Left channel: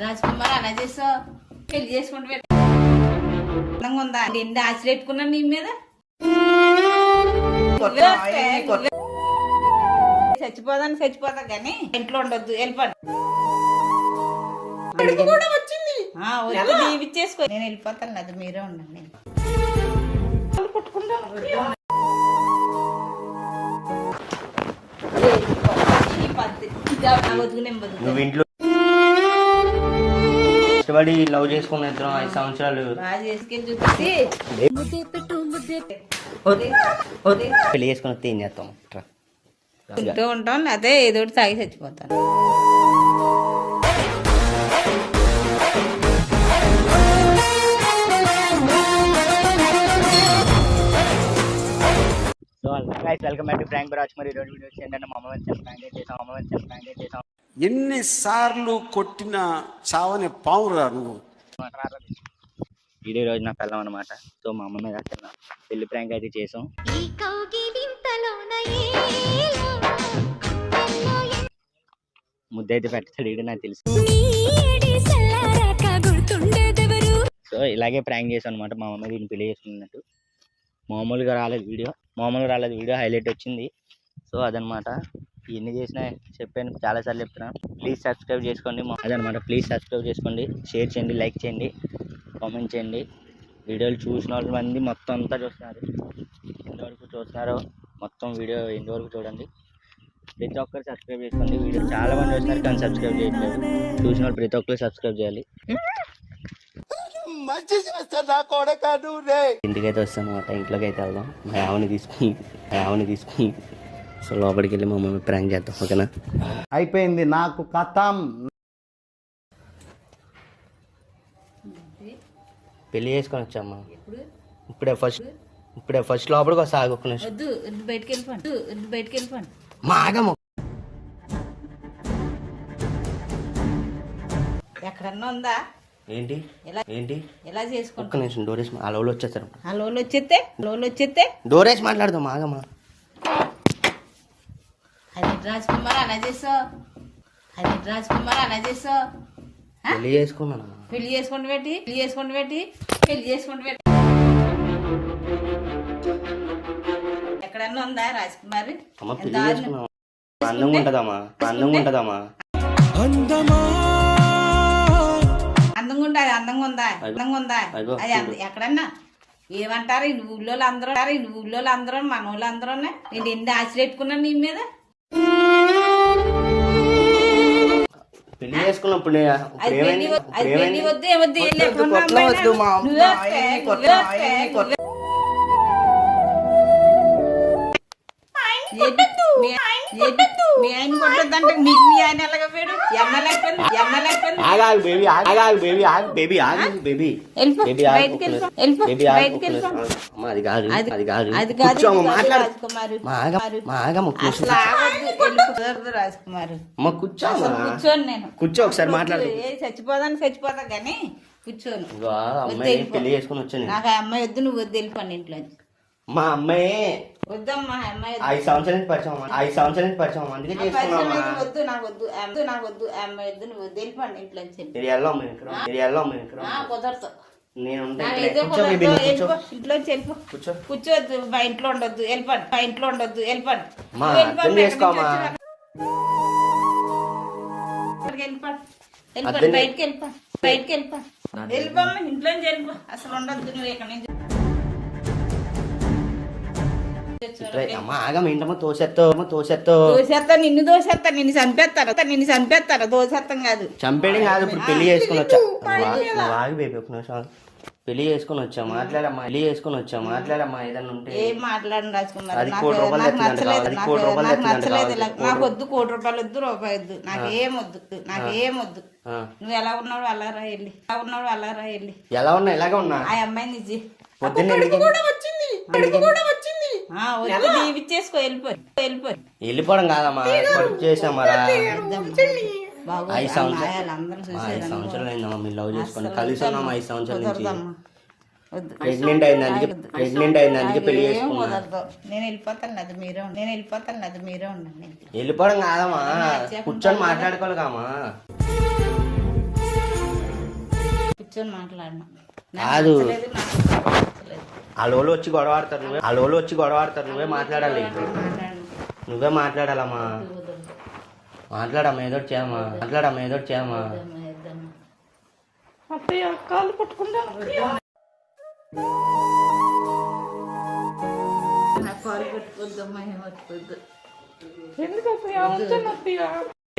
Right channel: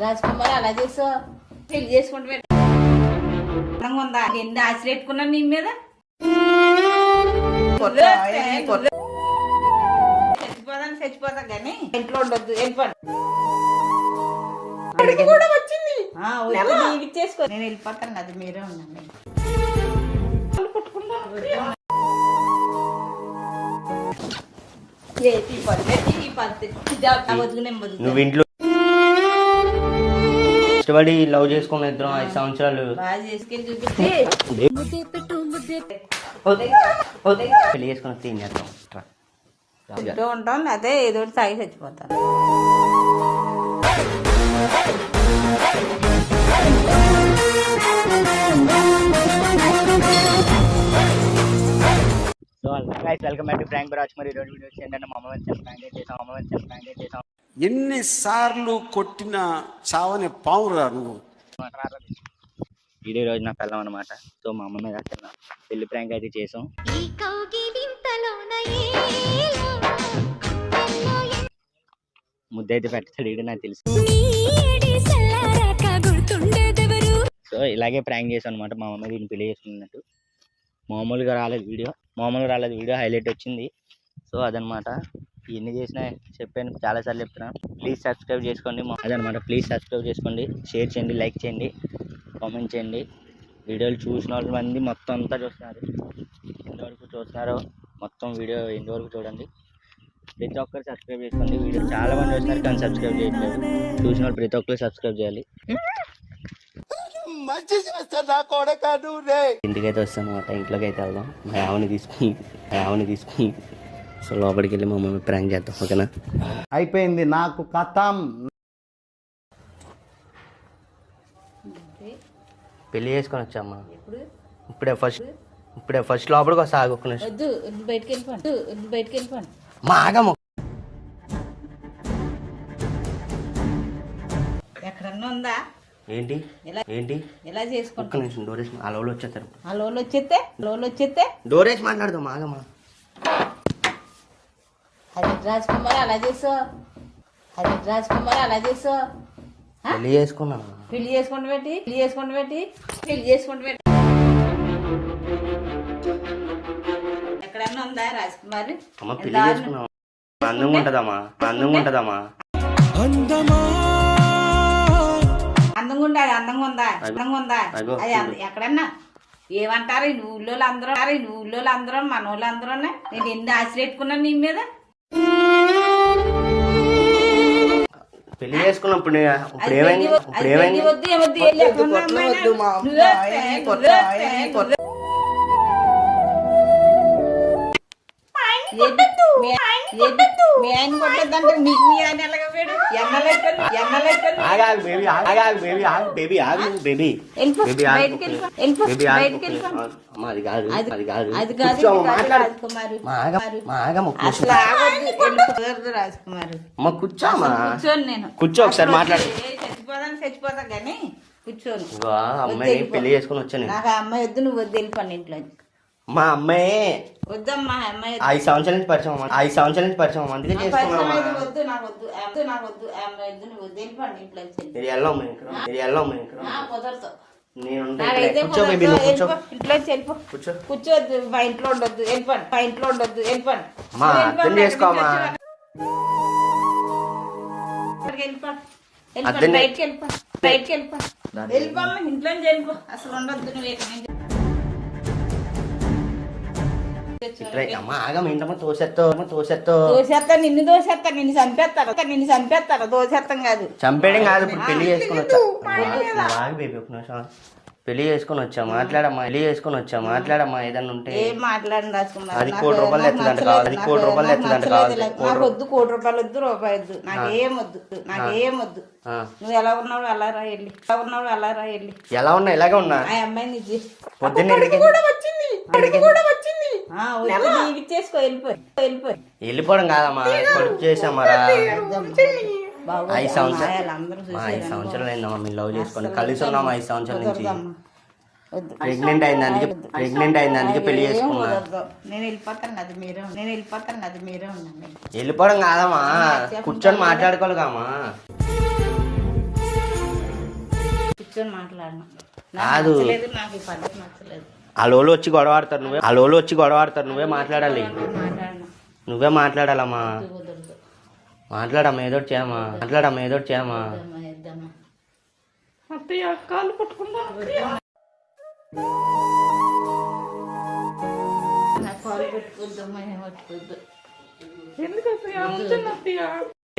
రాజకుమార్ అలా చేసా పెళ్లి చేసుకుంటూ ఉందా నిండి ఆశ పెట్టుకున్నాను నీ మీద చచ్చిపోతా కానీ ఇంట్లో ఉండొద్దు వెళ్ళిపోను వచ్చింది ఇచ్చేసుకో నేను వెళ్ళిపోతాను అది మీరే ఉండండి నువ్వు ఇంట్లో ఇష్టపడి లవ్ చేసుకున్న ఇద్దరం 5 సంవత్సరాలు పెళ్లి చేసుకుని వస్తే ఏం చేస్తాం ఉంటాం అదే ఏదో తాగి చచ్చిపోతాను so guys welcome back to Frank బరాజ్. మరి ఈరోజు వీడియోస్ ఏంటంటే మా అమ్మ ఫ్రాంక్ చేసాం ఎన్నిసార్లు కొట్టిన చావని పావురా నువ్వు. వీడియో రోజు నా పిల్లం అనమాట. సో మా అమ్మ మీద పెళ్లి ప్రాంక్ అయితే చేసాం. ముద్ద అయితే పెట్టాడు వీడు నాకు తెలుసు. సో ఇలాగే ప్రాంక్ చేసాం అనమాట. మా అమ్మ దీన్ని పెళ్లి చేసుకున్నట్టు మామూలుగా రాలేదు వీడియో హైలైట్ వచ్చింది. సో అదనమాట ఇవన్నీ చేసినా చెప్పాను, చాలాసార్లు చెప్తున్నాను. ప్లీజ్ సబ్స్క్రైబ్ చేసుకోండి. అదనమాట ప్లీజ్ సబ్స్క్రైబ్ చేసుకోండి, షేర్ చేయండి, లైక్ చేయండి, కామెంట్ చేయండి. వీడియోలు చూసిన వాళ్ళు మంది మొత్తం అంతా చూస్తున్నారు. ఎంతవరకు చూస్తున్నారో మొత్తం వీడియో ఎంతవరకు చూడండి. ప్రతి ఒక్కరు సబ్స్క్రైబ్ చేసుకోండి. వీడియో చాలా మంది చూస్తున్నారు కానీ సబ్స్క్రైబ్ చేయట్లేదు. చూసిన వాళ్ళు ప్రతి ఒక్కరు సబ్స్క్రైబ్ చేయాలి. ఇంటికైతే వస్తాను అనమాట. ఇంట్లోకి అయితే వెళ్దాం. మా ఆవుని తీసుకుని సో లోపలికి వెళ్ళి మా మమ్మీ ప్రాంక్ చేద్దాం. ఓకేనా? అయిపోయింది నాకు కథం. పెళ్లి చేసుకొని వచ్చామ్మా. ఇప్పుడే ఫస్ట్ లోపలికి వస్తా. ఆగొక్క నిమిషం. బయటకి వెళ్ళిపోండి మా ఆగమ్మ ఎక్కడన్నా ఉందా ఏంటి ఎలా చేసుకో. ఒక్క నిమిషం డోరేష్ ఆ లోలు వచ్చేస్తారు. ఆ లోలు వచ్చేస్తే డోరేష్ మాట్లాడదాం. ఆగమ్మా. రాజకుమార్ అలా చేసా పెళ్లి చేసుకున్నాను. పెళ్లి చేసుకుంటూ పెట్టి ఎక్కడన్నా ఉందా రాజకుమార్? అమ్మ పెళ్లి చేసుకున్నావా? అందంగా ఉంటదమ్మా. అందంగా ఉందా అది ఎక్కడన్నా ఏమంటారు ఈ ఊళ్ళో అందరూ మన వాళ్ళు అందరూ నేను ఎన్ని ఆశ పెట్టుకున్నాను నీ మీద. పెళ్లి చేసుకున్నప్పుడు మీ ఆయన కొట్టద్దంటే మీకు మీ ఆయన ఎలాగ పోయాడు? కూర్చో ఒకసారి మాట్లాడు. చచ్చిపోతా కానీ కూర్చోను. అమ్మాయి పెళ్లి చేసుకుని వచ్చాను. నాకు అమ్మాయి వద్దు, నువ్వు వద్దు, వెళ్ళిపోండి ఇంట్లో. మా అమ్మాయి వద్దమ్మా, అమ్మాయి 5 సంవత్సరాల నుంచి పరిచయం అందుకే చేసుకున్నాం. వద్దు, నాకు వద్దు, అమ్మాయి వద్దు, నువ్వు వద్దు, వెళ్ళిపోండి ఇంట్లో. కుదరదు. కూర్చోవద్దు, మా ఇంట్లో ఉండొద్దు, వెళ్ళిపోండి. మా అర్థం చేసుకోమా. బయటికి వెళ్ళిపోమ్మా, ఇంట్లో వెళ్ళిపో. అసలు ఉండొద్దు నువ్వు ఇక్కడ నుంచి. నిన్ను చంపేస్తారు. దోసేస్తాం కాదు, చంపేయడం కాదు. ఇప్పుడు పెళ్లి చేసుకుని వచ్చా. పెళ్లి చేసుకుని వచ్చా. మాట్లాడమ్మా. మాట్లాడమ్మా. ఏదన్నా ఉంటే ఏం మాట్లాడండి రాజకుమార్. అది ₹1 కోటి ఎత్తుదంట కావాలి. ₹1 కోటి కావాలి. వద్దు, ₹1 వద్దు, రూపాయి వద్దు, నాకేం వద్దు. నువ్వు ఎలా ఉన్నావు అలా రా వెళ్ళి. ఎలా ఉన్నా ఇలాగే ఉన్నా. ఆ అమ్మాయిని నిజి పొద్దున్న ఇచ్చేసుకో, వెళ్ళిపోవడం కాదమ్మా. కడుపు చేసామా. 5 సంవత్సరాలు అయిందమ్మా మీరు లవ్ చేసుకొని. కలిసి ఉన్నాము 5 సంవత్సరాల నుంచి. ప్రెగ్నెంట్ అయినందుకే పెళ్లి చేసుకున్నా. నేను వెళ్ళిపోతాను, అది మీరే ఉండండి. వెళ్ళిపోవడం కాదమ్మా, కూర్చొని మాట్లాడుకోవాలి కామా. కూర్చొని మాట్లాడను కాదు. నచ్చలేదు, నాకు నచ్చలేదు. వాళ్ళోళ్ళు వచ్చి గొడవ ఆడతారు నువ్వే, వాళ్ళోళ్ళు వచ్చి గొడవ ఆడతారు నువ్వే మాట్లాడాలి, మాట్లాడను. నువ్వే మాట్లాడాలమ్మా. కుదరదు. మాట్లాడమ్మా, ఏదో ఒకటి చేయమ్మా, మాట్లాడమ్మా, ఏదో ఒకటి చేయమ్మా. వద్దమ్మా, వద్దమ్మా. అత్తయ్య కాళ్ళు పట్టుకుంటాను. వద్దమ్మా. నా కాలు పెట్టుకోద్దమ్మా, ఏం పట్టుకోద్దు. ఎందుకు అత్తయ్య?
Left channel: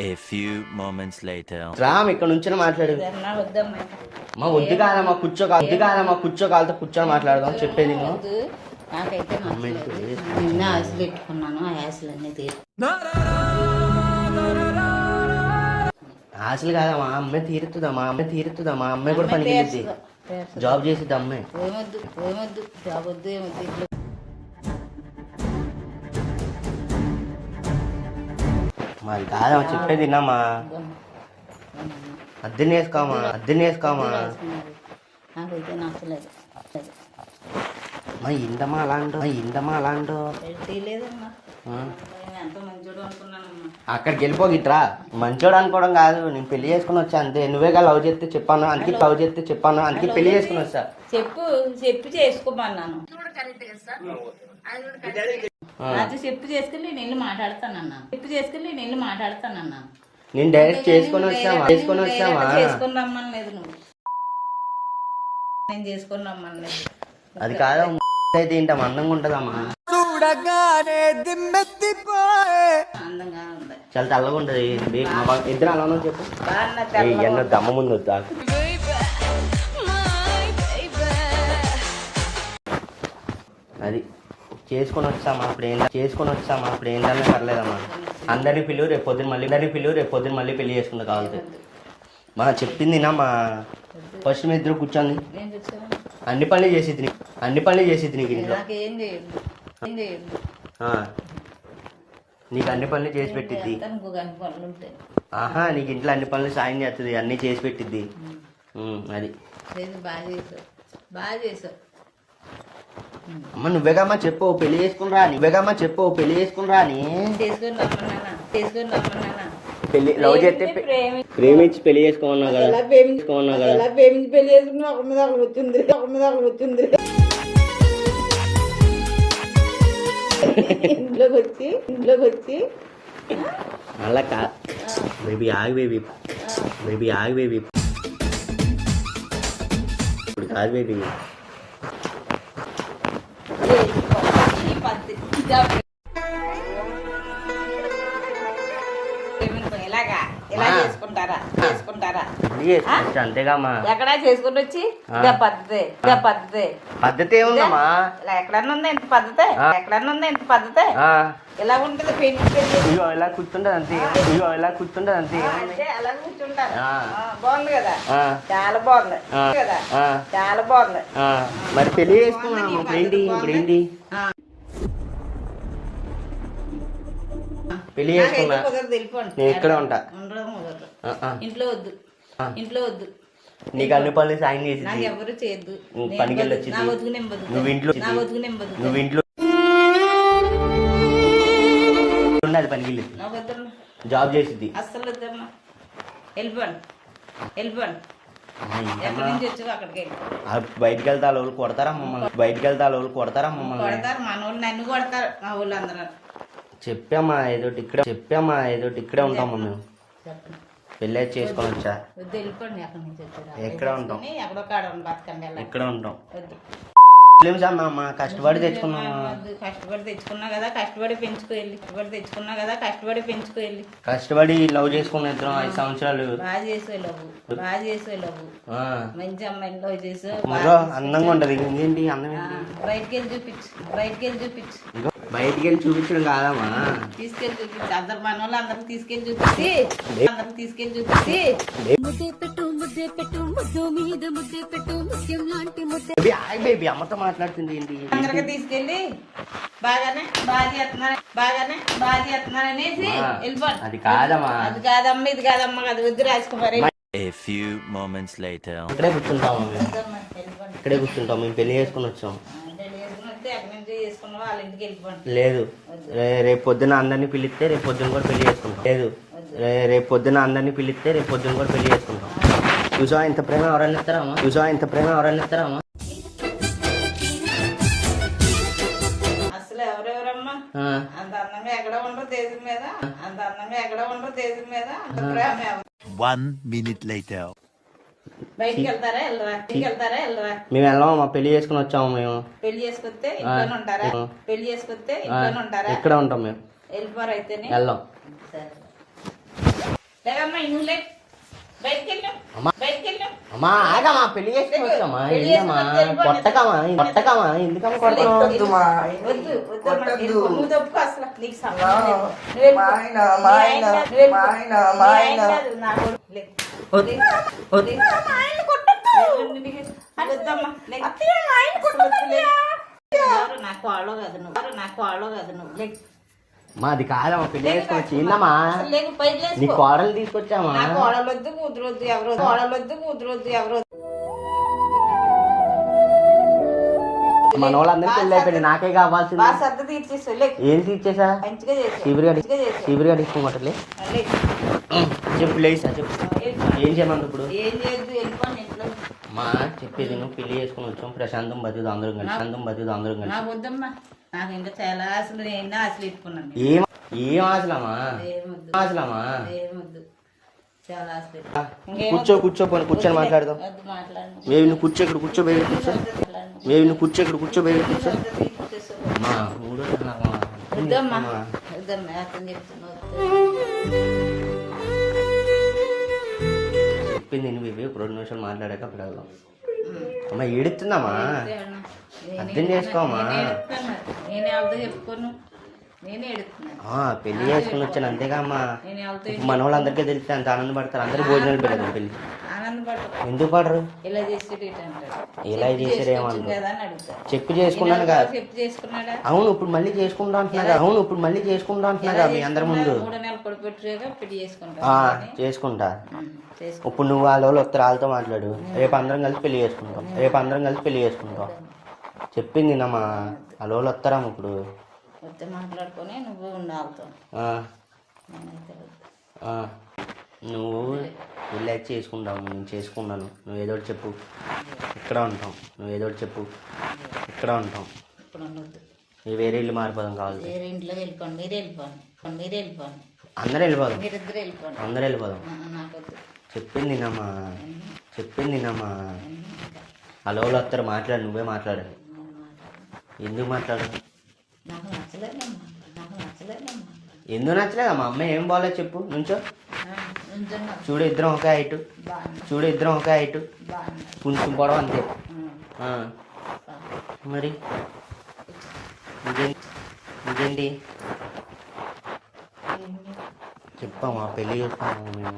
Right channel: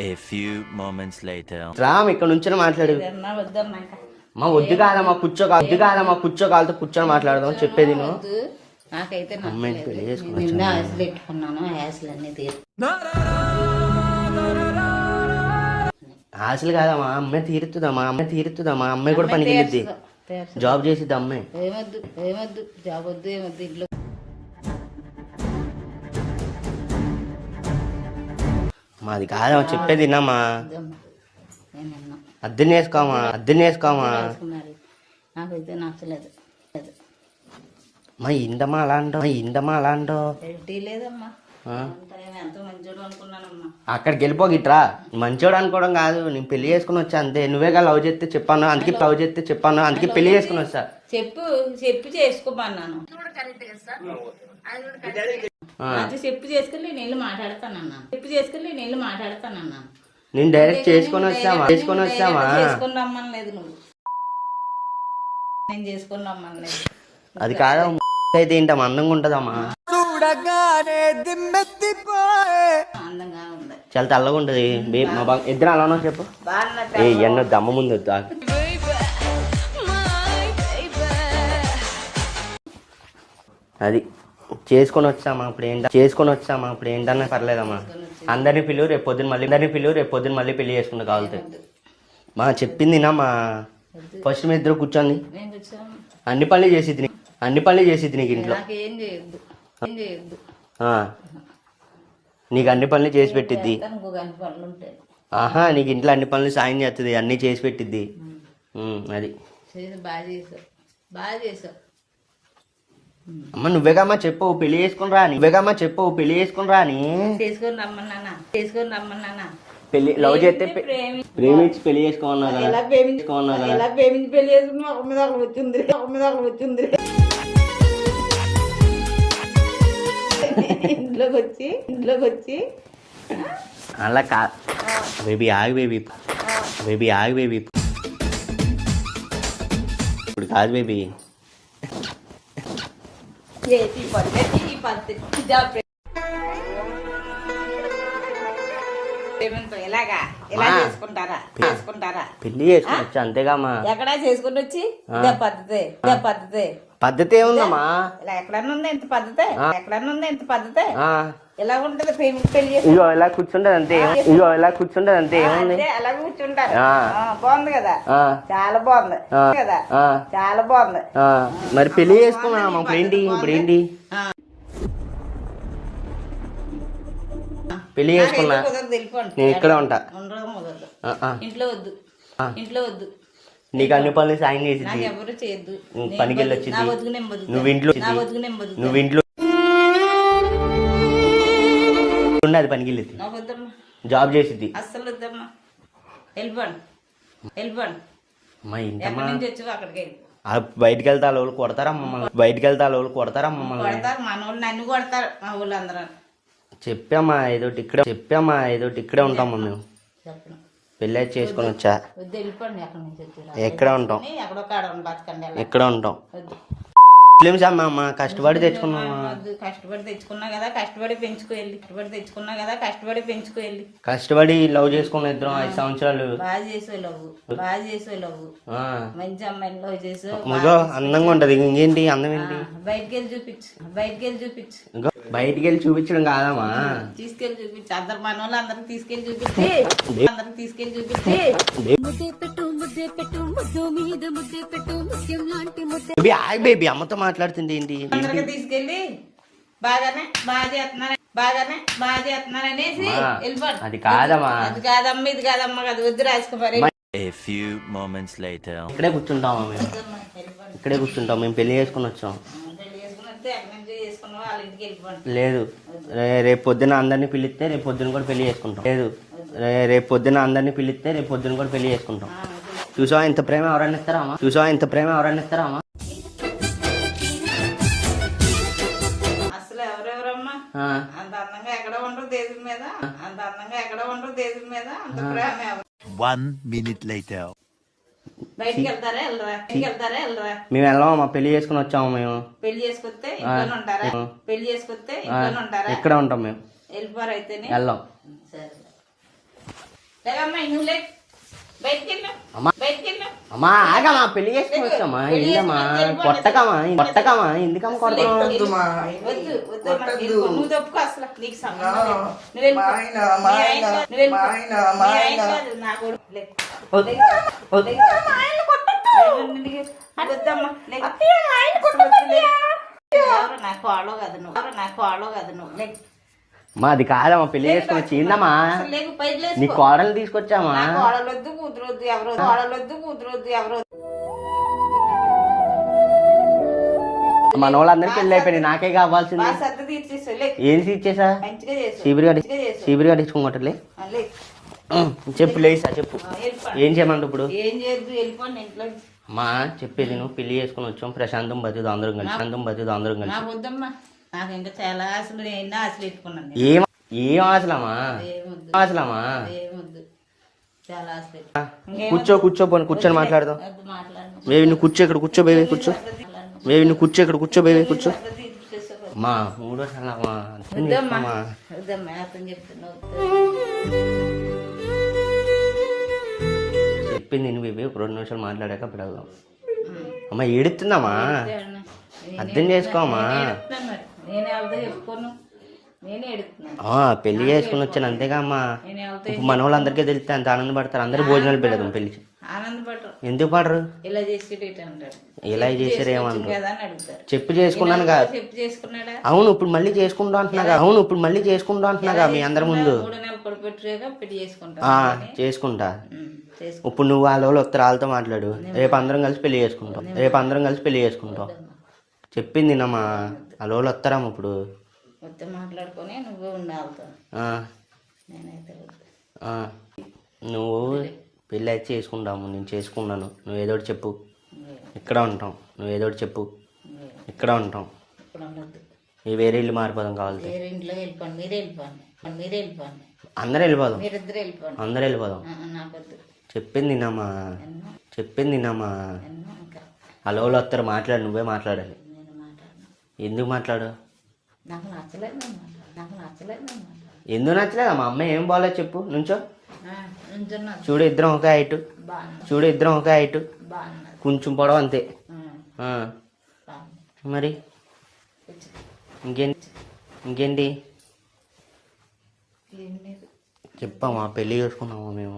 A few moments later. Ram ఇక్కడ నుంచి మాట్లాడు. వద్దమ్మా, వద్దమ్మా. మా వద్దు కాదమ్మా, కూర్చో కాలతో కూర్చొని మాట్లాడదాం చెప్పేది నువ్వు. వద్దు. నాకైతే నచ్చలేదు. నిన్న ఆశలు పెట్టుకున్నాను, ఆ ఆశలన్నీ తీరు. ఆశలు కాదమ్మా, అమ్మాయి తీరుతుందమ్మా, అమ్మాయి కూడా పనికి వెళ్ళిద్ది, జాబ్ చేసిద్ది అమ్మాయి. ఏమొద్దు, ఏమొద్దు, జాబ్ వద్దు, ఏమొద్దు. ఇంట్లో మరి కాదమ్మా చెప్పేది విన్నామా, అద్దెని వేసుకోమా. రాసుకున్నారు. నాకైతే నచ్చలేదు. మా ఇందమ్మా అలా అంటో ఎల్టీ లేదమ్మా. ఎంత మంచోడు అనుకున్నానమ్మా. అక్కడికి వెళ్ళిపోగిట్రా. మంచోడు అనుకోవడం కాదు, నేను పెళ్లి చేసుకుని వచ్చా అంతే. నువ్వేగా లవ్ చేస్తే చెప్పాను, అందుకే పెళ్లి చేసుకుని వచ్చా. చెప్పి చేసుకోమన్నాను. అది చెప్పు చేసుకుని నేను వెళ్ళి మాట్లాడతానన్నాను. నేను డైరెక్ట్ చేసుకుని వచ్చామా. చేసుకుని రమ్మనలేదు నువ్వు. నేను చేసుకుని రమ్మనలేదు. అది కాదా అయితే ఏంటమ్మా, అందంగా ఉంటదమ్మా, అందంగా ఉంది. చాలా తెల్లగా ఉంటది. ఇద్దరు అలానో చెప్పు. ఎన్నో దమ్మ ముందు వద్దా. అది చేసుకొని వచ్చామా ఇప్పుడు ఏంటన్నా పర్లేదమ్మా. అందరినీ పిలువు, రేపు పొద్దున్న మళ్ళీ పెళ్లి చేసుకుంటా కావాలి. మా చెప్పింది వినమ్మా. ఫస్ట్ మీ ఇద్దరు కూర్చోండి, నేను చూసాను. అన్ని పనులు చేసిద్ది నీకు ఇంట్లో. నాకేం చేయొద్దు, ఏం చేయొద్దు. నీకు అన్ని పనులు చేసి పెట్టిద్ది. ఇంకో గంట పనులు ఉంటాయి. ఆహా, నీకు ఇంట్లో అన్ని పనులు సాయం చేస్తుంది, అన్ని చేసి పెట్టిద్ది. అది బాగా చేసావు. అమ్మ నువ్వేగమ్మా చెప్పు పెళ్లి చేసుకుని రాని. చేసుకుని రమ్మన్నానా. పెళ్లి లవ్ చేస్తే ప్రేమించి పెళ్లి చేసుకోమన్నా కదా. ఎలా ప్రేమించి పెళ్లి చేసుకున్నా ఒక మీద ఒకటి వచ్చింది. ఇంట్లోకి వచ్చి అలా కా బేబీ ఆగు బేబీ ఇప్పుడు కాదు బేబీ. ఎలా చేసుకుంటారా పెళ్లి చేసుకోవచ్చు అంతేగామా. ఎక్కడా చేసుకుని వచ్చి ఇదే పద్ధతి ఏముందమ్మా. ఇలా ఎక్కడన్నా ఉందా ఇంత పద్ధతి. ఎలా ఉంటది పెళ్లి. ఇగో ఇలా కూర్చుంటది అంతే, ఏముంది. అలా కూర్చుంటారు. బాగుంది కదా, చాలా బాగుంది కదా, చాలా బాగుంది. మరి పెళ్లి చేసుకున్నాం ఇప్పుడు ఏంటి పెళ్లి చేసుకున్నా. కుదరదు, వెళ్ళిపోండి. నేను ఇక్కడే ఉంటా. ఇంట్లో వద్దు. నీకు అన్ని పనులు సాయం చేసి నాకు ఎవరు చేయొద్దు. పనికి వెళ్ళొచ్చి నా బతుకు నేను బతుకుతాను. నువ్వు ఇంట్లో అది పనికి వెళ్ళి నాకు వద్దమ్మా, జాబ్ చేసిద్ది. అస్సలు వద్దమ్మా. వెళ్ళిపోండి. ఎక్కడి నుంచి వచ్చావు అక్కడికి వెళ్ళి. బయటికి వెళ్తే వాళ్ళు కొడతారా మమ్మల్ని. కొడతారు మన వాళ్ళు నన్ను కొడతారు, మా ఊళ్ళు అందరూ. చెప్పామా ఏదోటి ఇక్కడే ఉంటాం మేము. చెప్పండి. పెళ్ళి చేసుకొని వచ్చా. వద్దు, వెళ్ళిపోండి. ఎక్కడి నుంచి వచ్చారు ఎక్కడ ఉంటాం, ఎక్కడో కాడ బతకండి. ఎక్కడ ఉంటాం. వద్దు. అమ్మా కష్టపడి తెచ్చుకున్నాం. కష్టపడి తెచ్చుకున్నా కదా, కష్టపడి పెంచుకు వెళ్ళి. కష్టపడి లవ్ చేసుకున్న ఇద్దరం 5 సంవత్సరాలు. బాగా చేసే లవ్ మంచి అమ్మాయిని లవ్ చేసావు. అందంగా ఉంటది. ఇంకేంటి అందం ఏంటి. బయటికి వెళ్ళి చూపించు. బయటికి వెళ్ళి చూపించడం కాదమ్మా, తీసుకెళ్ళి చూపించు. అందరు మన వాళ్ళు అందరికి తీసుకెళ్ళి చూపించి. బేబీ అమ్మతో మాట్లాడుతుంది ఏంటి. అందరికి తీసుకెళ్ళి బాగా చేస్తున్నారు అనేసి వెళ్ళిపోండి. అది కాదమ్మా, ఇది కాదమ్మా అది వద్దు రాసుకోవాలి. A few moments later. ఇక్కడే కూర్చుంటాం మేము పెళ్లి చేసుకుని వచ్చాం. వాళ్ళ ఇంటికి వెళ్ళిపోండి. లేదు, రేపు పొద్దున అందరినీ పిలిస్తే రేపు పొద్దున కూడా పెళ్లి చేసుకుంటాం. రేపు పొద్దున అందరినీ పిలిస్తే రేపు పొద్దున కూడా పెళ్లి చేసుకుంటాం. చూసావా ఇంత ప్రేమ ఎవరైనా ఇస్తారామా? చూసావా ఇంత ప్రేమ ఎవరైనా ఇస్తారామా? అసలు ఎవరెవరమ్మా అంత అందంగా ఎక్కడ ఉండరు దేశం మీద, అంత అందంగా ఎక్కడ ఉండరు దేశం మీద, అంత ప్రేమ ఎవరు? 1 minute later. బయటికి వెళ్తారా వెళ్ళరా? మేము వెళ్ళామా? పెళ్లి చేసుకుని వచ్చామా మేము? పెళ్లి చేసుకొస్తే ఇంట్లోనే ఉంటారా? పెళ్లి చేసుకొస్తే ఇంట్లోనే ఉంటారా? ఇక్కడ ఉంటాం మేము. వెళ్ళిపోరు అయితేనే వెళ్ళాం. సరే లేదమ్మా నువ్వు లే బయటికి వెళ్ళు. అమ్మా ఆగమ్మా, పెళ్లి చేసుకుని వచ్చామా? వెళ్ళమ్మా, కొట్టకమా ఎందుకమ్మా కొడతావు? నువ్వు తప్పుకో అసలు నీకు సంబంధం లేదు. నువ్వు వెళ్ళిపో. మీ ఆయన కాదు, నా కొడుకు. లే. వద్దమ్మా నా కోడలో కాదు నువ్వు లే. మా అది కాదమ్మా, పెళ్లి చేసుకుని వచ్చి ఏందమ్మా? అసలు లేకు బయట లేసుకో. నీ కోడలు తీసుకొచ్చామా? నా కోడలొద్దు కూతురొద్దు ఎవరు మన వాళ్ళందరికీ పెళ్లి అయిపోయింది, నాకే కావాల్సింది. బాగా సర్ద తీర్చేసా లే. ఏం తీర్చేసా? మంచిగా చేసా. సీబిరిగా తీసుకోమటలే. లే. చెప్పు లేసా చెప్పు. ఏం చేయమంట ఇప్పుడు? ఏం చేయొద్దు వెళ్ళిపోండి ఇంట్లో. మా చెప్పేది నువ్వు పెళ్లి చేసుకుని వచ్చాం, ప్రశాంతం బతిదు అందరం కలిసి. నాకు వద్దమ్మా, నాకు ఇంకా చాలా ఆశలు, ఎన్నో ఆశలు ఇట్టుకున్నాను. ఏం ఆశలమ్మా? ఏమొద్దు చాలా ఆశలు. కూర్చో కూర్చొని మాట్లాడదాం. బేబీ నువ్వు కూర్చో, ఇక్కడ కూర్చో బేబీ, కూర్చో. అమ్మా వద్దమ్మా అతను చెప్తున్నావు. చెప్పింది నువ్వు బేబీ, 2 నిమిషాలు మాట్లాడాక అప్పుడు వెళ్దాం. అమ్మా ఏడుతుందమ్మా, అర్థం చేసుకోమ్మా. నేనే ఎవరితో చెప్పుకోను, నేనే ఎడుతున్నాను. పెళ్లి చేసుకుని వచ్చాను అంతేగా అమ్మా. మన వాళ్ళందరికీ తెలిస్తే అంత ఆనందపడతారు, అందరూ భోజనాలు పెట్టదు పెళ్లి. ఆనందపడరు. ఎందుకు పడరు? ఇలా చేసేది అంటారు. ఇలా చేసారు ఏమన్నా కదా అని అడుగుతారు. చెప్పు చేసుకున్నాను కదా. చెప్పు చేసుకున్నాడా? అవును ఇప్పుడు మళ్ళీ చేసుకుంటా అంటున్నారా మీ అందరి ముందు? 3 నెలలు కొడుపెట్టుగా పెళ్లి చేసుకుంటా. చేసుకుంటా. ఇప్పుడు నువ్వు వాళ్ళ వస్తారు, వాళ్ళతో మాట్లాడు. రేపు అందరం కలిసి పెళ్లి చేసుకుంటాం. చెప్పింది నమ్మా, వాళ్ళ వాళ్ళు వస్తారమ్మ ఇప్పుడు. వస్తే మాట్లాడుకొని నువ్వు ఉండాలతో. నేనైతే నువ్వు పెళ్ళి అయితే చేసుకుంటాము, నేను చేసుకున్నాను. నువ్వు ఏదో ఒకటి చెప్పు, ఇక్కడ ఉంటాం. ఇక్కడ ఉండొద్దు. వేరే ఇల్లు మారిపోదాం కావాలి. వేరే ఇంట్లో వెళ్ళిపోండి, మీరే వెళ్ళిపోండి. అందరూ వెళ్ళిపోదాం. మీరిద్దరు వెళ్ళిపోండి. అందరూ వెళ్ళిపోదాం. నాకొద్దు. చెప్పింది నమ్మా. హలో వాళ్ళు వస్తారు, మాట్లాడు. నువ్వే మాట్లాడాలి. ఎందుకు మాట్లాడు? నాకు నచ్చలేదు. ఎందుకు నచ్చలేదు? మా అమ్మ ఏం బాగాలేదు చెప్పు. నుంచో చూడు, ఇద్దరం ఒక హైట్, కొంచెం పొడవ అంతే. మరి ఇంకేంటి చెప్పమ్మా, పెళ్ళి చేసుకున్నాము మేము.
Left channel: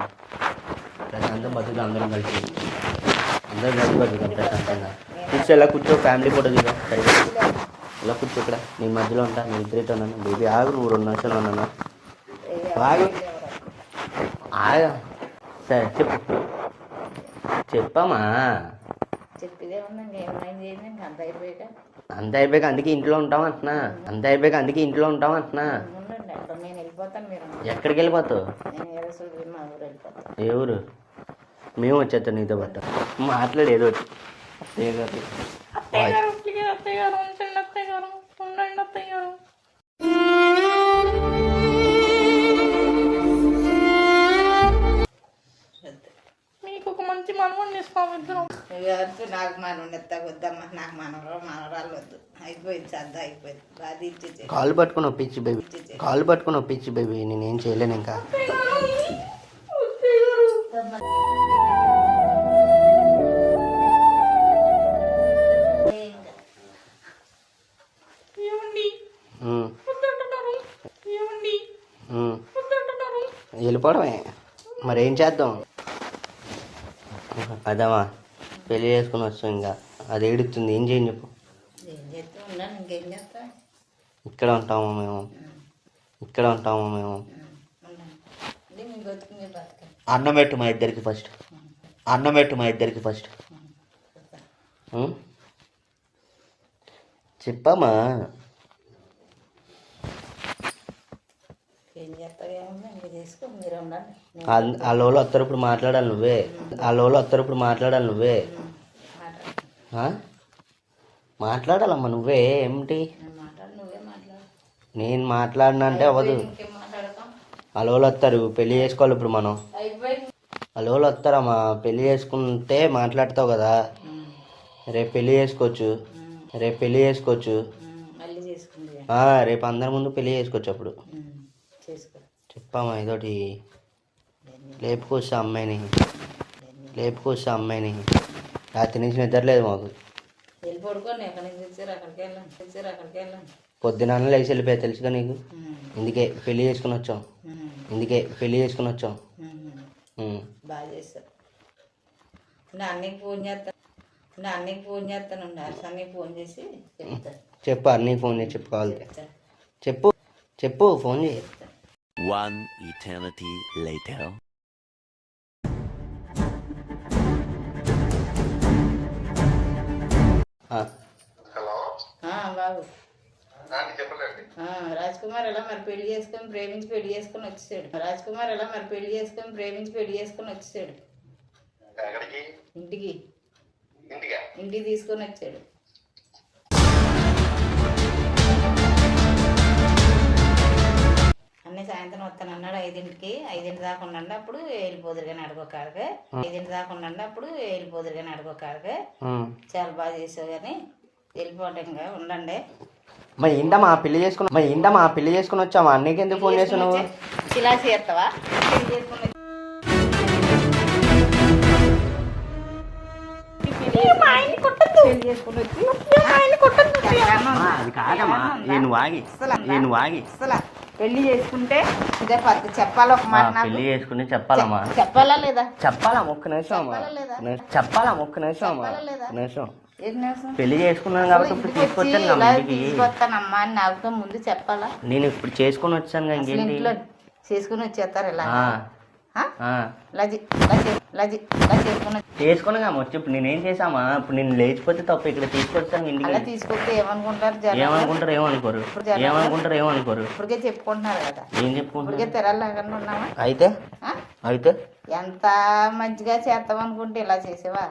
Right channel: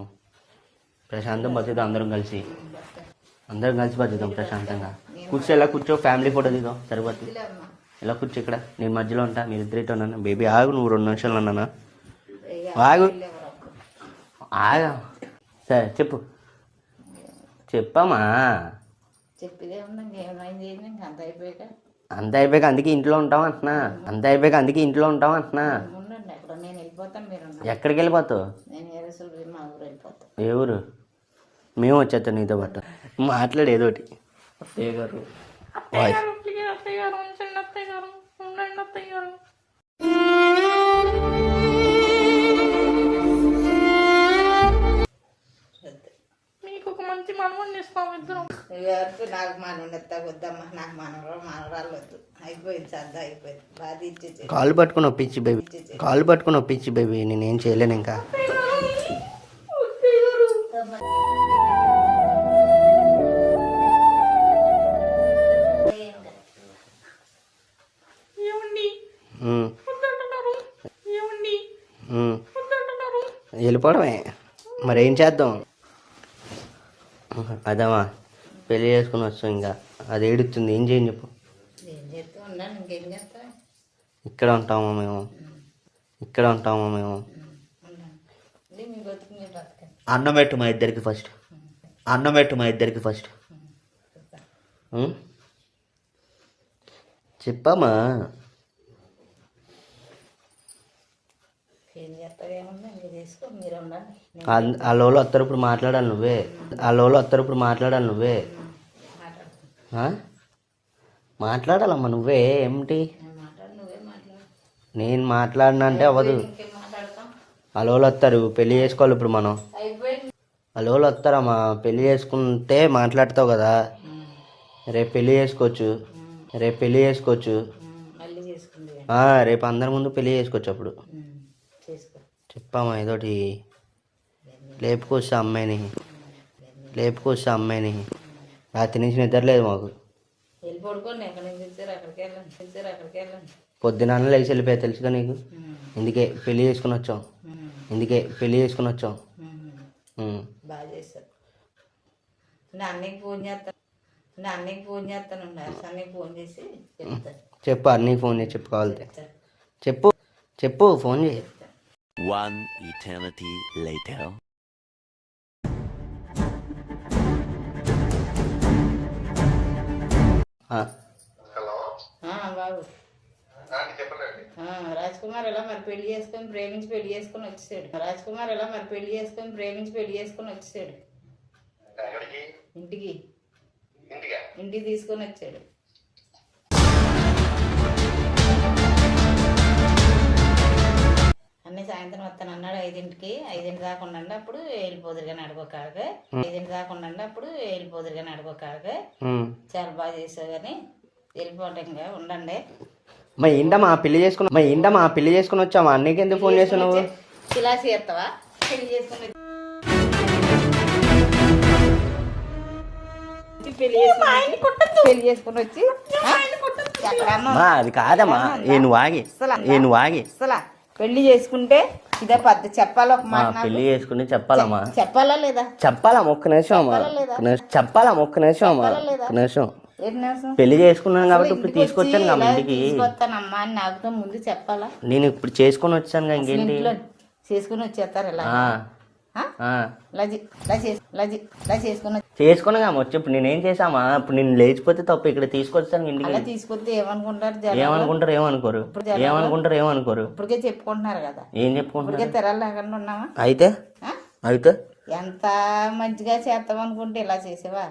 ప్రశాంతం బతుకుతాం అందరం కలిసి బతుకుతాం ప్రశాంతంగా. కూర్చో, ఫ్యామిలీ ఫోటో దిగా సరిగ్గా. ఇలా కూర్చో, ఇక్కడ నేను మధ్యలో ఉంటా, నేను ఇద్దరైతే ఉన్నాను. బేబీ ఆగు, నువ్వు 2 నిమిషాలు ఉన్నాను. ఆగు. సరే చెప్పమ్మా. అంత అయిపోయాక అందుకే ఇంట్లో ఉంటాం అంటున్నా. ఎక్కడికి వెళ్ళిపోతావు? ఏ ఊరు? మేము వచ్చేస్తాం నీతో పాటు. మాట్లాడు ఏదో ఒకటి. మీకు ఒక మంచి మనవని ఇస్తాం ఇద్దరం. నాకు మనవని ఎత్తా వద్దమ్మా, నాకు మనవరాలు వద్దు. అయిపోయింది, సర్దా అయిపోయింది. బాగా ఇచ్చేసి కాళ్ళు పట్టుకుని ఒప్పించి బేబీ, నేనేం చేయలేను ఇంకా. వెళ్ళిపోవడమే, మరేం చేద్దాం? అదమ్మా పెళ్ళి చేసుకుని వస్తాం, ఇంకా అది ఏడుతుంది. ఏం చేయని చెప్పు. ఇక్కడ ఉంటామా మేము? అన్నం పెట్టు మా ఇద్దరికి ఫస్ట్. చెప్పమ్మా. ఏం చేస్తావు ఏమన్నా ఇంకా చేసుకో మీరు ఉండండి వాళ్ళ వాళ్ళు వస్తారు ఇప్పుడు మాట్లాడాలి నువ్వే ఆ? మాట్లాడాలమ్మా నువ్వే ఏమిటి నువ్వే మాట్లాడు నేను మాట్లాడినంటే అవ్వదు. ఇంకేం మాట్లాడతాం వాళ్ళ వాళ్ళు వస్తారు పెళ్లి చేసుకోవాలి ఇప్పుడు మనం. అయిపోయింది వాళ్ళ వాళ్ళు వస్తారమ్మా పెళ్లి చేసుకుంటే మాట్లాడతావు కదా. రేపు పెళ్లి చేసుకోవచ్చు మళ్ళీ చేసుకుంది రేపు అందరి ముందు పెళ్లి చేసుకోవచ్చు. అప్పుడు చేసుకో చెప్పమ్మా ఏదోటి లేపుకొస్తా అమ్మాయిని రాత్రి నుంచి నిద్రలేదు మాకు. వెళ్ళి పడుకోండి ఎక్కడి నుంచి వచ్చారు అక్కడికి వెళ్ళండి పొద్దున లేచి వెళ్ళిపోయా తెలుసుగా నీకు. ఇందుకే పెళ్లి చేసుకుని వచ్చాం. బాగా చేస్తారు నా అన్నయ్యకి ఫోన్ చేస్తానండి అన్నయ్యకి ఫోన్ చేసి చెప్తాను. చెప్పు అన్నీకి ఫోన్ చేసి చెప్పు కావాలి చెప్పు ఫోన్ చేయి. One eternity later. బాబు రాజ్ కుమార్ ఎలా మరి పెళ్లి చేసుకొని ప్రేమించి పెళ్లి చేసుకొని వచ్చేసాడు. ఇంటికి తీసుకొని వచ్చాడు. అన్నీ సాయంత్రం వస్తాను అన్నాడు 5ంటికి. 5 దాకా ఉండండి అప్పుడు వెళ్ళిపోదురు కానీ అడుకోకాడగా చాలా బాగా చేసావు కానీ వెళ్ళిపోవటంగా ఉండండి. మా పెళ్లి చేసుకుని వచ్చామా అన్నీకి ఎందుకు ఫోన్ చేసావు నువ్వు? ఇలా చేస్తావా పెళ్లి చేసుకుని వచ్చి అది కాదమ్మా నువ్వు ఆగి పెళ్లి చేసుకుంటే ఇదే పద్ధతి చెప్పాలి. ఒక మాట పెళ్లి చేసుకుని చెప్పాలమ్మా చెప్పాలా లేదా ఒక్క నిమిషం పెళ్లి చేసుకున్నాను కాబట్టి ఇప్పుడు తీసుకొచ్చాను తీసుకొస్తానమ్మా అని నాకుతో ముందు చెప్పాలా. నేను ఇప్పుడు చేసుకుని వచ్చాను ఇంకేంటి చేసుకుని వచ్చేస్తారు ఇలా చేసుకున్నా వచ్చి ఇప్పుడు నేనేం చేసామా? ఇప్పుడు నేను లేచిపోతే తప్ప ఇక్కడ తీసుకొచ్చాను ఇంటికి. తీసుకొస్తే ఏమనుకుంటారు ఏమనుకుంటారు ఇప్పటికే చెప్పుకుంటున్నారు కదా. ఏం చెప్పుకుంటారు? తెరలు లేకుండా ఉన్నామా? అయితే ఎంత మంచిగా చేస్తాం అనుకుంటే ఇలా చేసేవా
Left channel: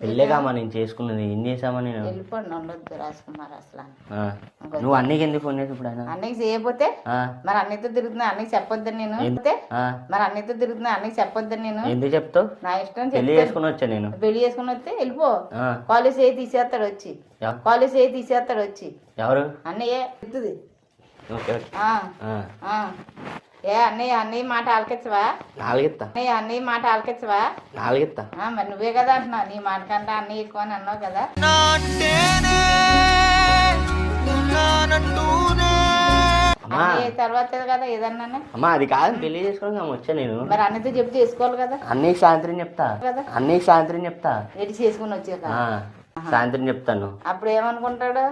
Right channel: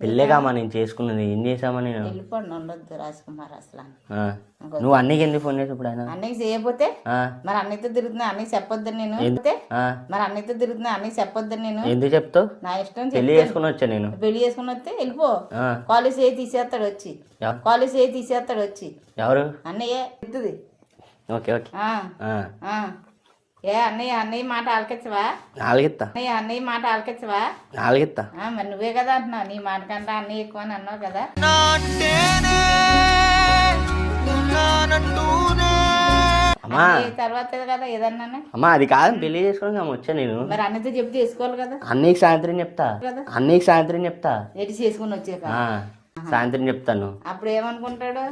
పెళ్ళేగామా నేను చేసుకున్నది. ఏం చేసామా నేను? వెళ్ళిపోండి ఉండొద్దు రాజకుమార్ అసలు. నువ్వు అన్నీకి ఎందుకు ఫోన్ చేసి ఇప్పుడు? అన్నయ్య చేయకపోతే మరి అన్నయ్యతో తిరుగుతున్నా అన్నయ్య చెప్పొద్దని నేను ఎందుకు చెప్తావు? నా ఇష్టం. పెళ్లి చేసుకుని వచ్చా నేను. పెళ్లి చేసుకుని వస్తే వెళ్ళిపో. కాలేజ్ ఏ తీసేస్తాడు వచ్చి ఎవరు? అన్నయ్య ఎత్తుది. ఓకే ఏ అన్నయ్య మాట ఆలకించవా? అన్నయ్య మాట ఆలకించవా? మరి నువ్వే కదా అంటున్నావు. నీ మాట కంటే అన్నయ్య ఎక్కువ అని అన్నావు కదా. తర్వాత కదా ఏదన్నా అమ్మా అది కాదు పెళ్లి చేసుకుని వచ్చా నేను. మరి అన్నయ్యతో చెప్తే చేసుకోవాలి కదా. అన్నయ్యకి సాయంత్రం చెప్తా ఎటు చేసుకుని వచ్చాక సాయంత్రం చెప్తాను. అప్పుడు ఏమనుకుంటాడు?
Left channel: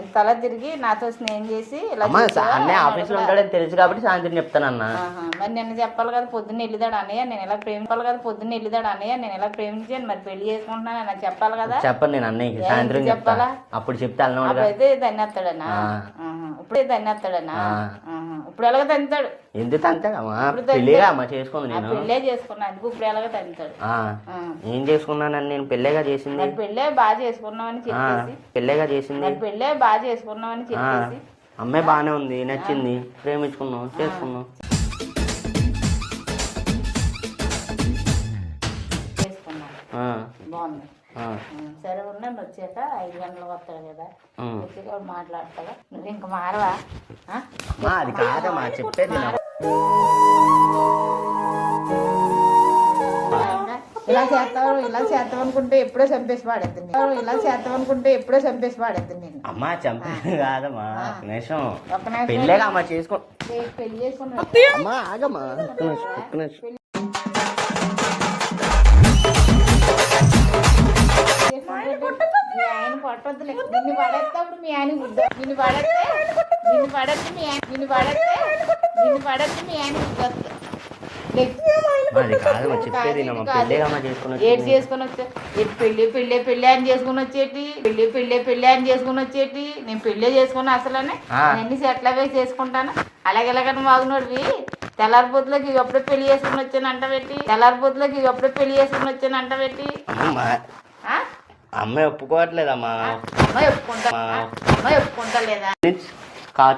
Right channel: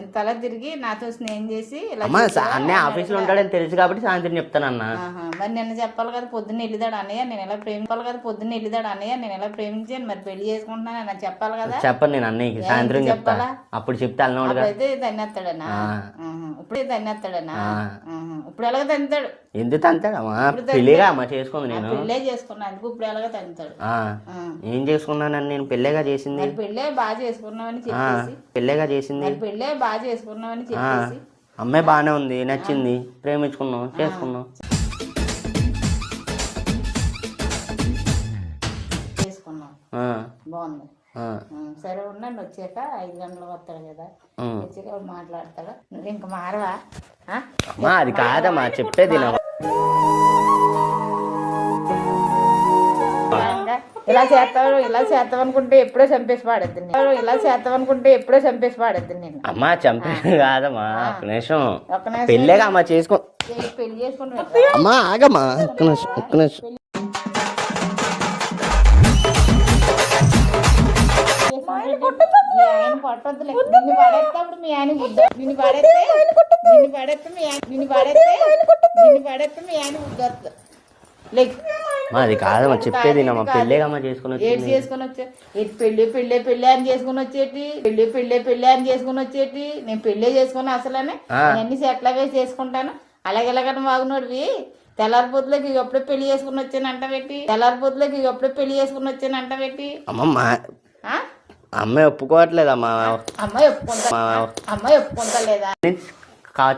ఎంత అలా తిరిగి నాతో స్నేహం చేసి అన్నయ్య ఆఫీస్ లో ఉంటాడని తెలుసు కాబట్టి సాయంత్రం చెప్తాను అన్న. మరి నిన్న చెప్పాలి కదా పొద్దున్న వెళ్ళిదాడు అన్నయ్య నేను ఎలా ప్రేమించాను మరి పెళ్లి చేసుకుంటున్నాను అని చెప్పాలి కదా. చెప్పను నేను అన్నయ్యకి సాయంత్రం చెప్పాలా. అప్పుడు చెప్తే అయితే తన్నేస్తాడనా? ఇప్పుడు ఎలాగ తంతాడు? ఎందుకు తంతాడమ్మా? పెళ్ళిగా అమ్మా చేసుకుంది నేను. పెళ్ళే చేసుకున్నా అందుకు ఇప్పుడు ఎలాగ తంతాడు? ఏం చేసుకున్నానని నేను పెళ్ళేగా చేసింది. పెళ్ళే బాగా చేసుకున్నామని చెప్పేసి అమ్మాయి బాగానే ఉంది నచ్చింది ప్రేమించుకున్నాం చేసుకున్నాం. బాగుంది. సరే ఉండండి వచ్చాక 5 గంటలకు వస్తాడు కదా. వచ్చాక మాట్లాడతాడు. నువ్వు ఇంక మారవా? అది కాదమ్మా చెప్పేది. ఇలా చేస్తావు అనుకుంటే ఎప్పుడో చంపేసి పాడేద్ది నేను. అమ్మా చంపేది కాదమ్మా ఒక నిమిషం పెళ్ళేగా అమ్మా చేసుకో. పెళ్లి చేసుకుంటా అమ్మా ఆగమ్మా ఒక్క నిమిషం మీ ఆయన కొట్టద్దులే. నిన్ను పడేస్తాడు మీ ఆయన నిన్ను పడేస్తే మీ ఆయన ఉద్దొద్దు. అది కాదమ్మా చెప్పేది మా పెళ్ళేగమ్మా చేసుకుని ఏడు చేసుకుని వచ్చా ఎటు పెళ్ళి అని చేసుకుని వచ్చేటి పెళ్ళి అని చేసుకుని వచ్చేటి నేను పెళ్ళే చేసుకున్నా అసలనే అన్ని సెట్ల వేసి చేసుకుంటాను అలాగెలాగని వాగునోడివి తెల్లారిపోతులకి ఎప్పుడో పెళ్లి చేసుకుని వచ్చాను అంట పెట్టి అమ్మాయి ఒప్పుకోవట్లేదమ్మా అమ్మాయి ఒప్పుకుంటా లేదా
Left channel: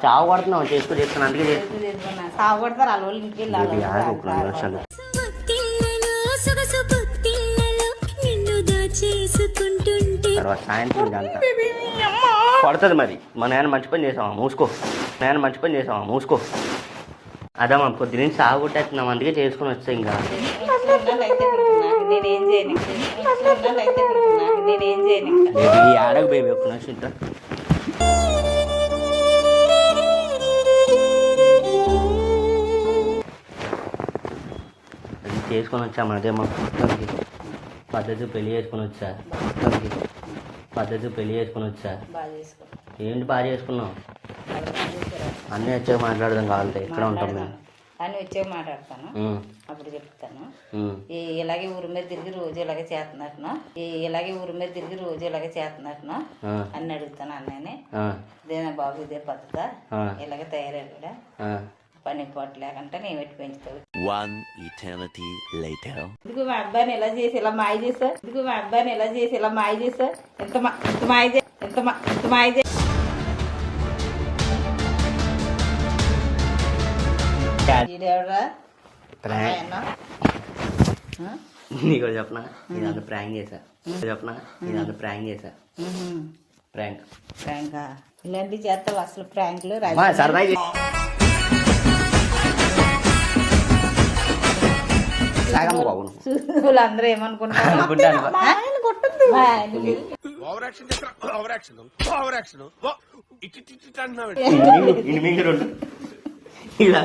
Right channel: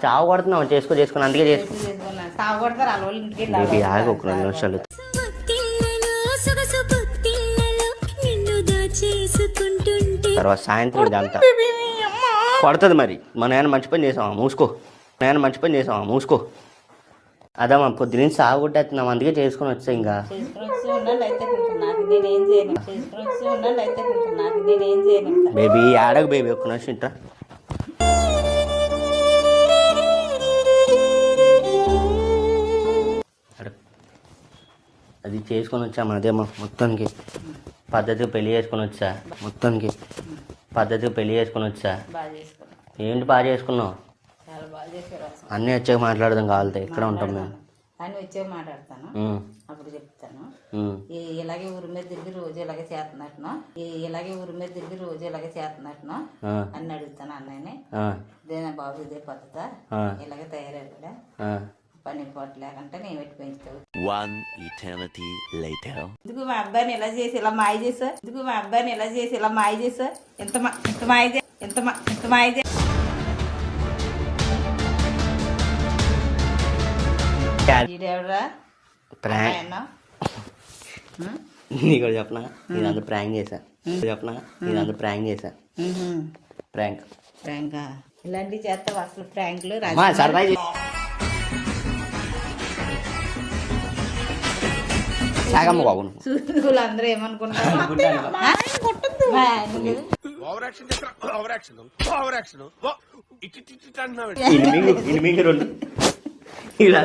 చావు కొడుతున్నావు చేసుకుని అందుకే చేసుకున్నా సాగుపడతారు వాళ్ళ వాళ్ళ ఇంటికి వెళ్ళాలి ఆగు ఒక 2 నిమిషాలు తర్వాత సాయంత్రం ఇదంతా కొడుతుంది మరి మా నాన్న మంచి పని చేసావా మూసుకో అదే మనం పొద్దున సాగుకొట్టేస్తున్నాం అందుకే చేసుకుని వచ్చా ఇంకా బేబీ ఆడకు బేబీ ఒక్క నిమిషం ఇంట అది చేసుకొని వచ్చాము అదే మా మొత్తానికి పద్ధతిగా పెళ్లి చేసుకొని వచ్చా బాగా చేసుకున్నా ఏంటి బాగా చేసుకున్నావు అన్నీ వచ్చాక మాట్లాడదాం కావాలంటే ఎక్కడ ఉంటాం మేము అని వచ్చే మాట్లాడతాను అప్పుడు చెప్తాను ఇలాగే ఊరి మీద తిరిగి రోజు ఇలాగే చేస్తున్నట్టును అని అడుగుతాను అన్నని ఇదేనా బాబు ఇదే పద్ధత ఇలాగే తయారయ్యాడు కూడా పని పోటు లేకుంటే నేను పెట్టి పెంచుతావు 1 eternity later. ఇదిగో మా అబ్బాయిని ఎలా చేసి ఇలా మాయ చేసా ఇంత మాయ చేసా నీకు చెప్పనా ఇదంతా ప్రాంక్ చేశా ప్రాంక్ ఇలాంటివి చేస్తావు అసలు ప్రాంక్లు సర్ప్రైజ్ వాళ్ళందరూ ఏమనుకుంటారు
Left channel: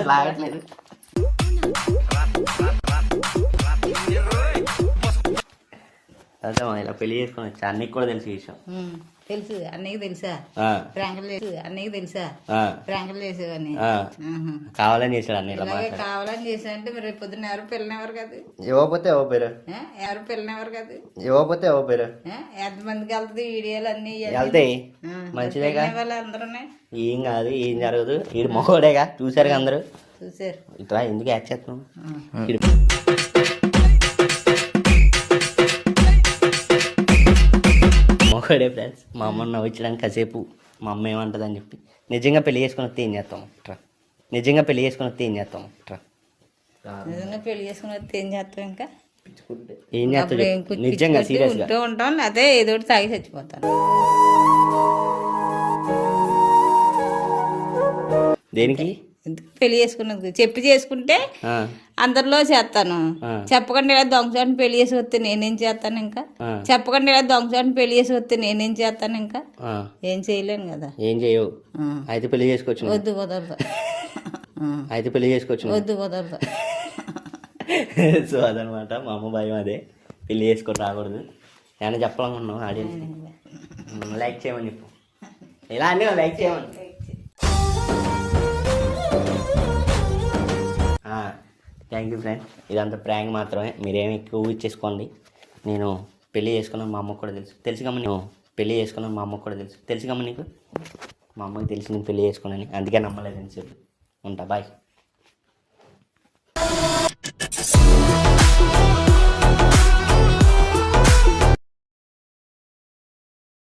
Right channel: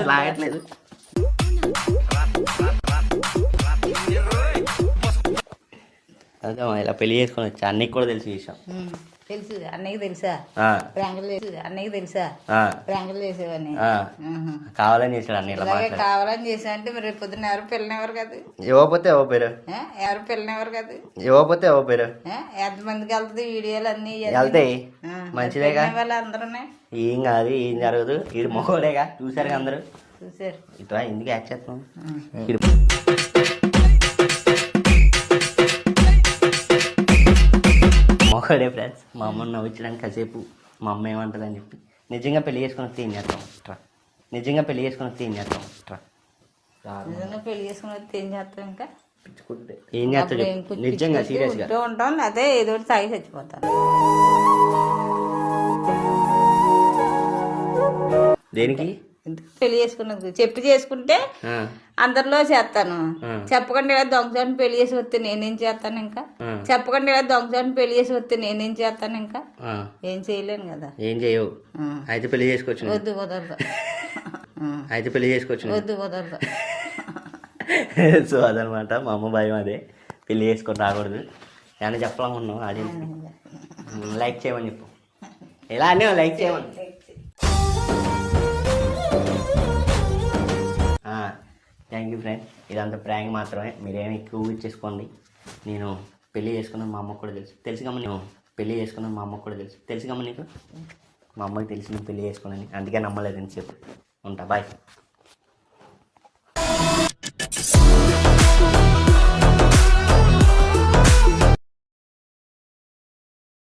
లాగట్లేదు అదే ఇలా పెళ్లి చేసుకొని వచ్చా అన్నకి కూడా తెలిసి విషయం తెలుసు అన్నయ్యకి తెలుసా ప్రాంకులు చేసేవని కావాలని చేశాడు అన్న ఇలా కావాలని చేసా అంటే మరి పొద్దున్న ఎవరు పిల్లనివ్వరు కదా ఇవ్వకపోతే ఎవరు పేరు ఎంతమందికి వెళ్తుంది వీడియోలు అన్ని వెళ్తాయి మంచిదేగా అందరూ ఏం కాదు ఏం జరగదు వీడు మొగోడేగా చూసారు అందరూ చూసారు ఇట్లా ఎందుకు యాక్ట్ చేస్తున్నాం మొగోడే ఫ్రెండ్స్ మా అమ్మని నవ్వించడానికి కాసేపు మా అమ్మ ఏమంటుంది అని చెప్పి నిజంగా పెళ్లి చేసుకుని వస్తే ఏం చేస్తాం నిజంగా పెళ్లి చేసుకుని వస్తే ఏం చేస్తాం ఇంకా ఏం చేస్తాం నిజంగా సీరియస్గా ఉంటాం అదే ఏదో తాగి చచ్చిపోతాను దేనికి పెళ్లి చేసుకున్నది చెప్పి చేసుకుంటే అందరిలో చేస్తాను చెప్పకుండా ఇలా దొంగచాటుని పెళ్లి చేసి వస్తే నేనేం చేస్తాను ఇంకా ఏం చేయలేను కదా ఏం చేయవు అయితే పెళ్లి చేసుకోవచ్చు వద్దు కుదరదు సో అదనమాట మా అమ్మ భయం అదే పెళ్లి చేసుకొని రాకూడదు ఏమైనా చెప్పాలనుకున్నావు అది లైక్ చేయమని చెప్పు ఎలా అని లైక్ చేయమని థ్యాంక్ యూ ఫ్రెండ్ ఇదంతా ప్రాంక్ మాత్రమే మీరేమి ఎక్కువ ఊహించేసుకోండి నేను పెళ్లి చేసుకున్నాను మా అమ్మకు కూడా తెలుసు కమ్మ తెలుసు కమ్మ నీకు మా అమ్మకి తెలిసి నేను పెళ్లి చేసుకున్నాను అందుకే నమ్మలేదని చెప్పు ఉంటా బాయ్